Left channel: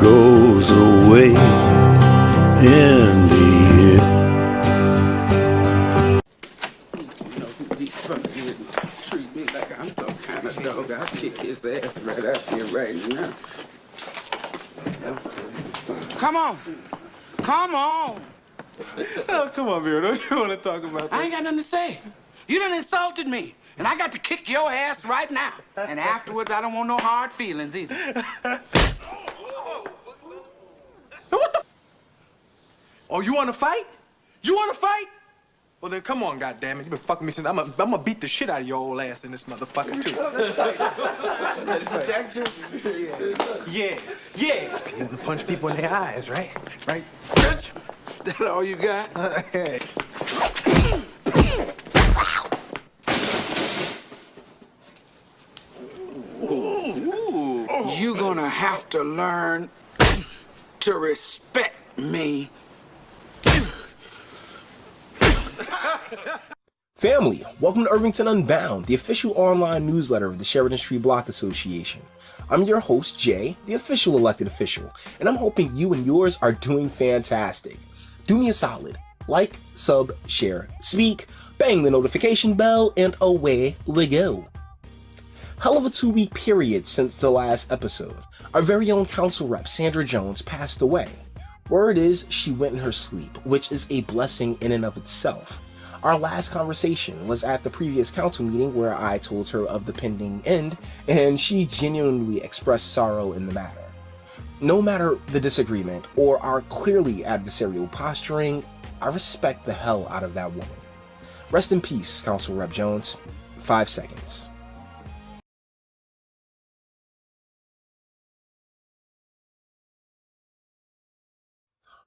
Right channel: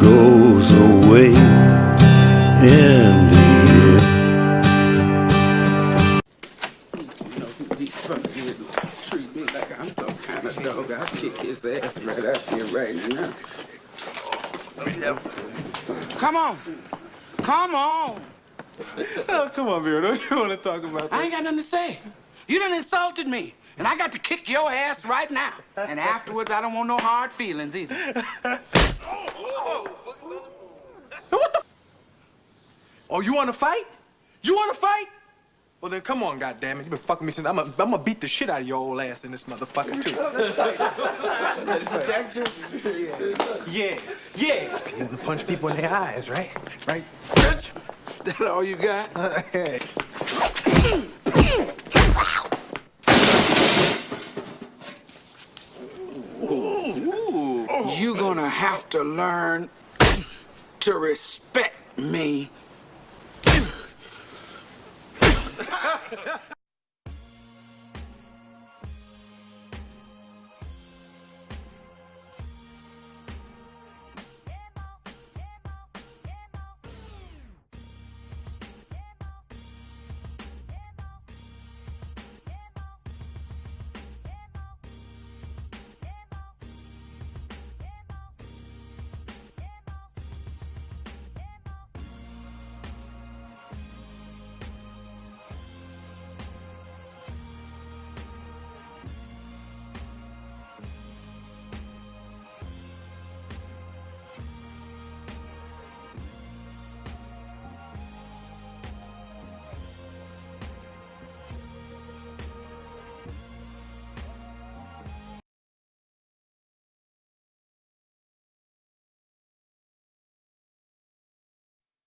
goes away in the air. Treat me like I'm some kind of dog. I'll kick his ass right out here right now. Come on. Come on. Oh, come on, Vera. Don't you want to talk about that? I ain't got nothing to say. You done insulted me, and I got to kick your ass right now. And afterwards, I don't want no hard feelings either. What the? Oh, you want to fight? You want to fight? Well, then come on, goddammit. You been fucking me since I'm gonna beat the shit out of your old ass in this motherfucker, too. Yeah. You want to punch people in their eyes, right? Right? That all you got? Hey. You gonna have to learn to respect me. Family, welcome to Irvington Unbound, the official online newsletter of the Sheridan Street Block Association. I'm your host, Jay, the official elected official, and I'm hoping you and yours are doing fantastic. Do me a solid. Like, sub, share, speak, bang the notification bell, and away we go. Hell of a 2-week period since the last episode. Our very own council rep, Sandra Jones, passed away. Word is she went in her sleep, which is a blessing in and of itself. Our last conversation was at the previous council meeting where I told her of the pending end, and she genuinely expressed sorrow in the matter. No matter the disagreement or our clearly adversarial posturing, I respect the hell out of that woman. Rest in peace, Council Rep Jones. 5 seconds.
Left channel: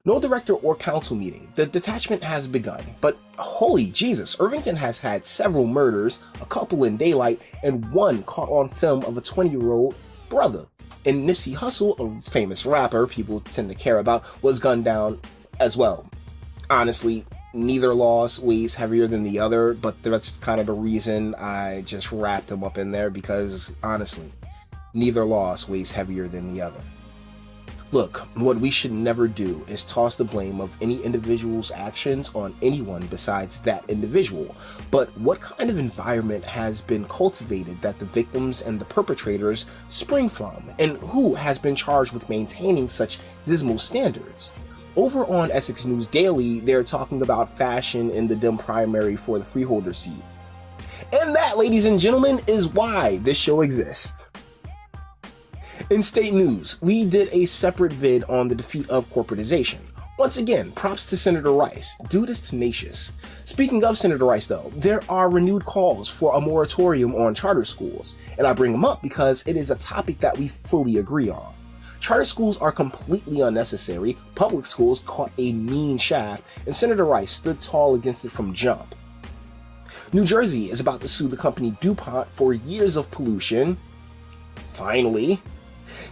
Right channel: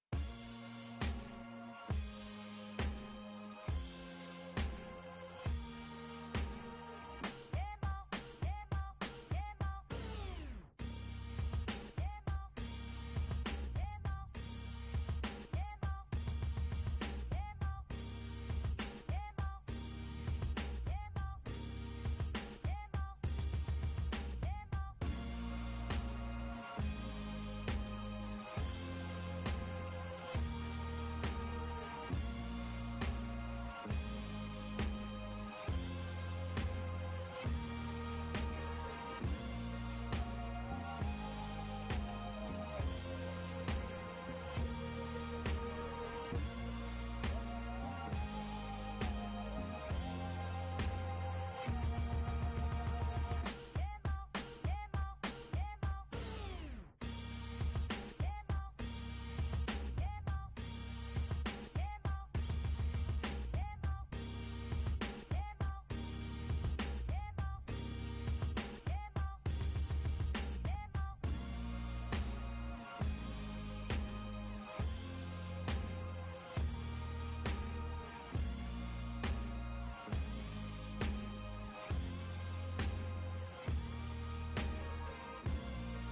No director or council meeting. The detachment has begun, but holy Jesus, Irvington has had several murders, a couple in daylight, and one caught on film of a 20-year-old brother. And Nipsey Hussle, a famous rapper people tend to care about, was gunned down as well. Honestly, neither loss weighs heavier than the other, but that's kind of the reason I just wrapped them up in there, because honestly, neither loss weighs heavier than the other. Look, what we should never do is toss the blame of any individual's actions on anyone besides that individual. But what kind of environment has been cultivated that the victims and the perpetrators spring from? And who has been charged with maintaining such dismal standards? Over on Essex News Daily, they're talking about fashion in the Dem primary for the freeholder seat. And that, ladies and gentlemen, is why this show exists. In state news, we did a separate vid on the defeat of corporatization. Once again, props to Senator Rice. Dude is tenacious. Speaking of Senator Rice though, there are renewed calls for a moratorium on charter schools, and I bring them up because it is a topic that we fully agree on. Charter schools are completely unnecessary, public schools caught a mean shaft, and Senator Rice stood tall against it from jump. New Jersey is about to sue the company DuPont for years of pollution. Finally.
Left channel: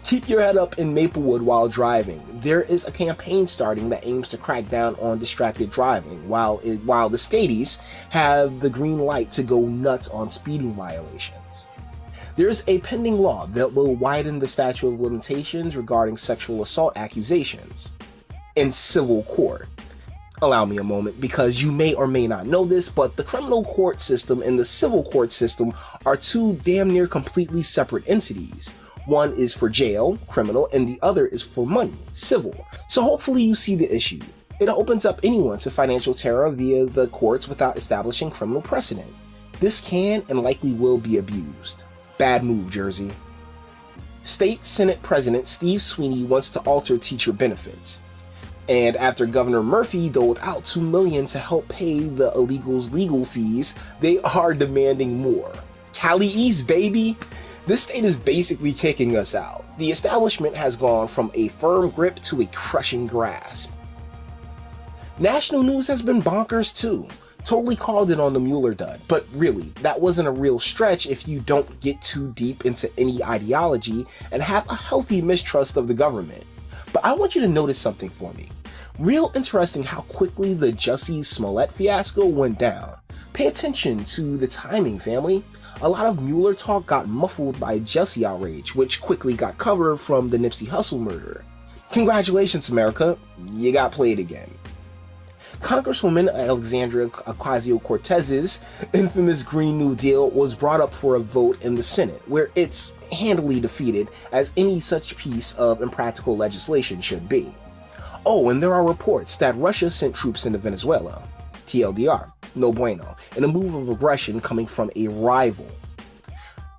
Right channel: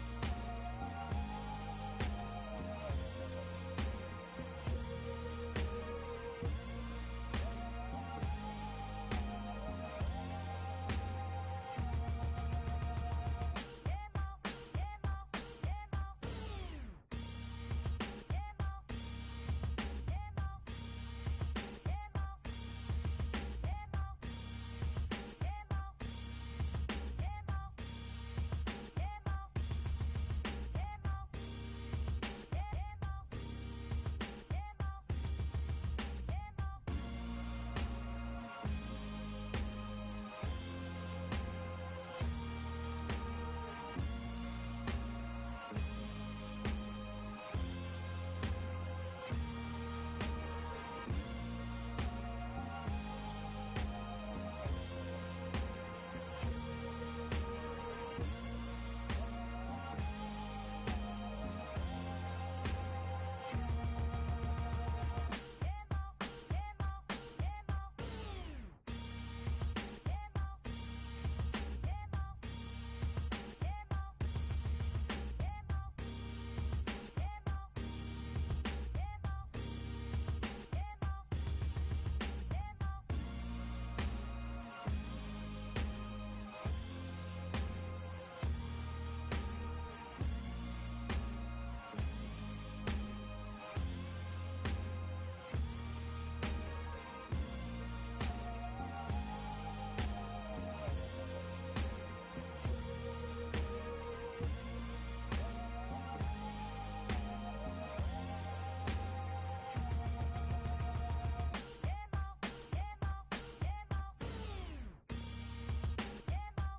Keep your head up in Maplewood while driving. There is a campaign starting that aims to crack down on distracted driving, while the Stadies have the green light to go nuts on speeding violations. There's a pending law that will widen the statute of limitations regarding sexual assault accusations in civil court. Allow me a moment, because you may or may not know this, but the criminal court system and the civil court system are two damn near completely separate entities. One is for jail, criminal, and the other is for money, civil. So hopefully you see the issue. It opens up anyone to financial terror via the courts without establishing criminal precedent. This can and likely will be abused. Bad move, Jersey. State Senate President Steve Sweeney wants to alter teacher benefits. And after Governor Murphy doled out $2 million to help pay the illegals' legal fees, they are demanding more. Cali East, baby! This state is basically kicking us out. The establishment has gone from a firm grip to a crushing grasp. National news has been bonkers too. Totally called it on the Mueller dud, but really, that wasn't a real stretch if you don't get too deep into any ideology and have a healthy mistrust of the government. But I want you to notice something for me. Real interesting how quickly the Jussie Smollett fiasco went down. Pay attention to the timing, family. A lot of Mueller talk got muffled by Jussie outrage, which quickly got covered from the Nipsey Hussle murder. Congratulations, America, you got played again. Congresswoman Alexandria Ocasio-Cortez's infamous Green New Deal was brought up for a vote in the Senate, where it's handily defeated, as any such piece of impractical legislation should be. Oh, and there are reports that Russia sent troops into Venezuela. TLDR, no bueno, in a move of aggression coming from a rival.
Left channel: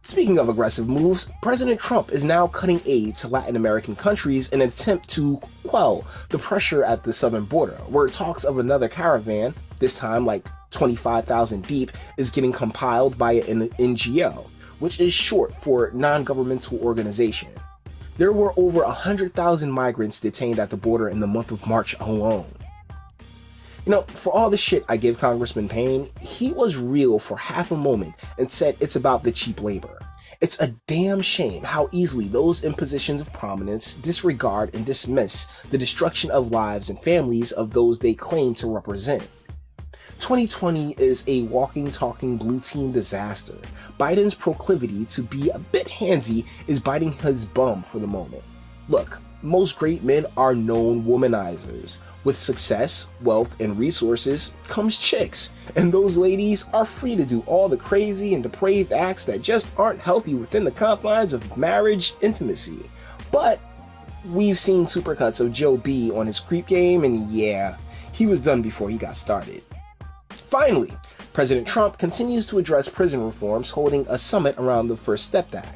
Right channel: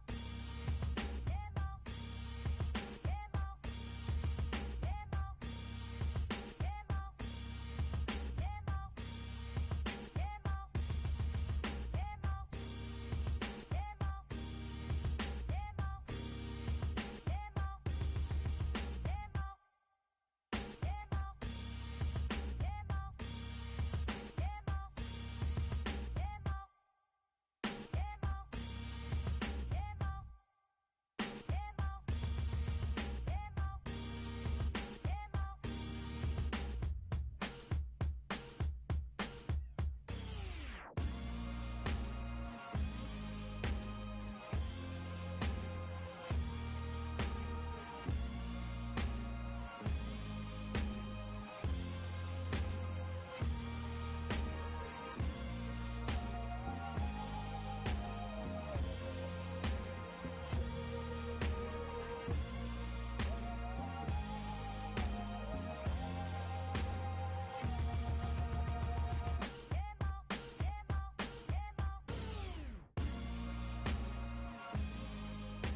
Speaking of aggressive moves, President Trump is now cutting aid to Latin American countries in an attempt to quell the pressure at the southern border, where talks of another caravan, this time like 25,000 deep, is getting compiled by an NGO, which is short for non-governmental organization. There were over 100,000 migrants detained at the border in the month of March alone. You know, for all the shit I give Congressman Payne, he was real for half a moment and said it's about the cheap labor. It's a damn shame how easily those in positions of prominence disregard and dismiss the destruction of lives and families of those they claim to represent. 2020 is a walking, talking blue team disaster. Biden's proclivity to be a bit handsy is biting his bum for the moment. Look, most great men are known womanizers. With success, wealth, and resources comes chicks, and those ladies are free to do all the crazy and depraved acts that just aren't healthy within the confines of marriage intimacy. But we've seen supercuts of Joe B on his creep game, and yeah, he was done before he got started. Finally, President Trump continues to address prison reforms, holding a summit around the First Step Act.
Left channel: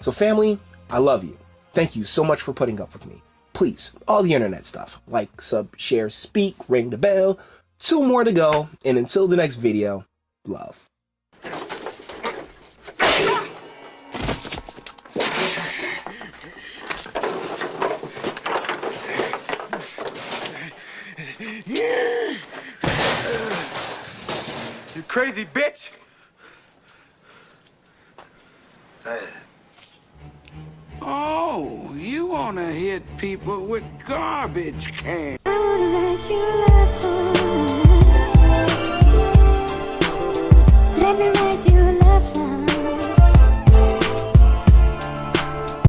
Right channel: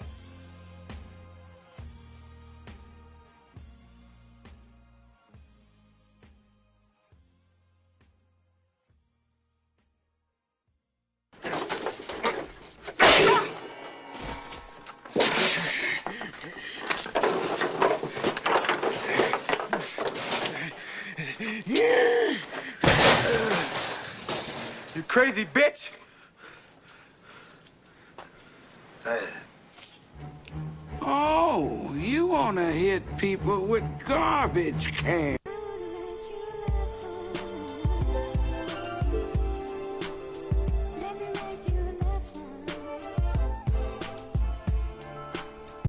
So family, I love you. Thank you so much for putting up with me. Please, all the internet stuff, like, sub, share, speak, ring the bell. 2 more to go, and until the next video, love. You crazy bitch! Oh, you wanna hit people with garbage cans. I wanna let you love so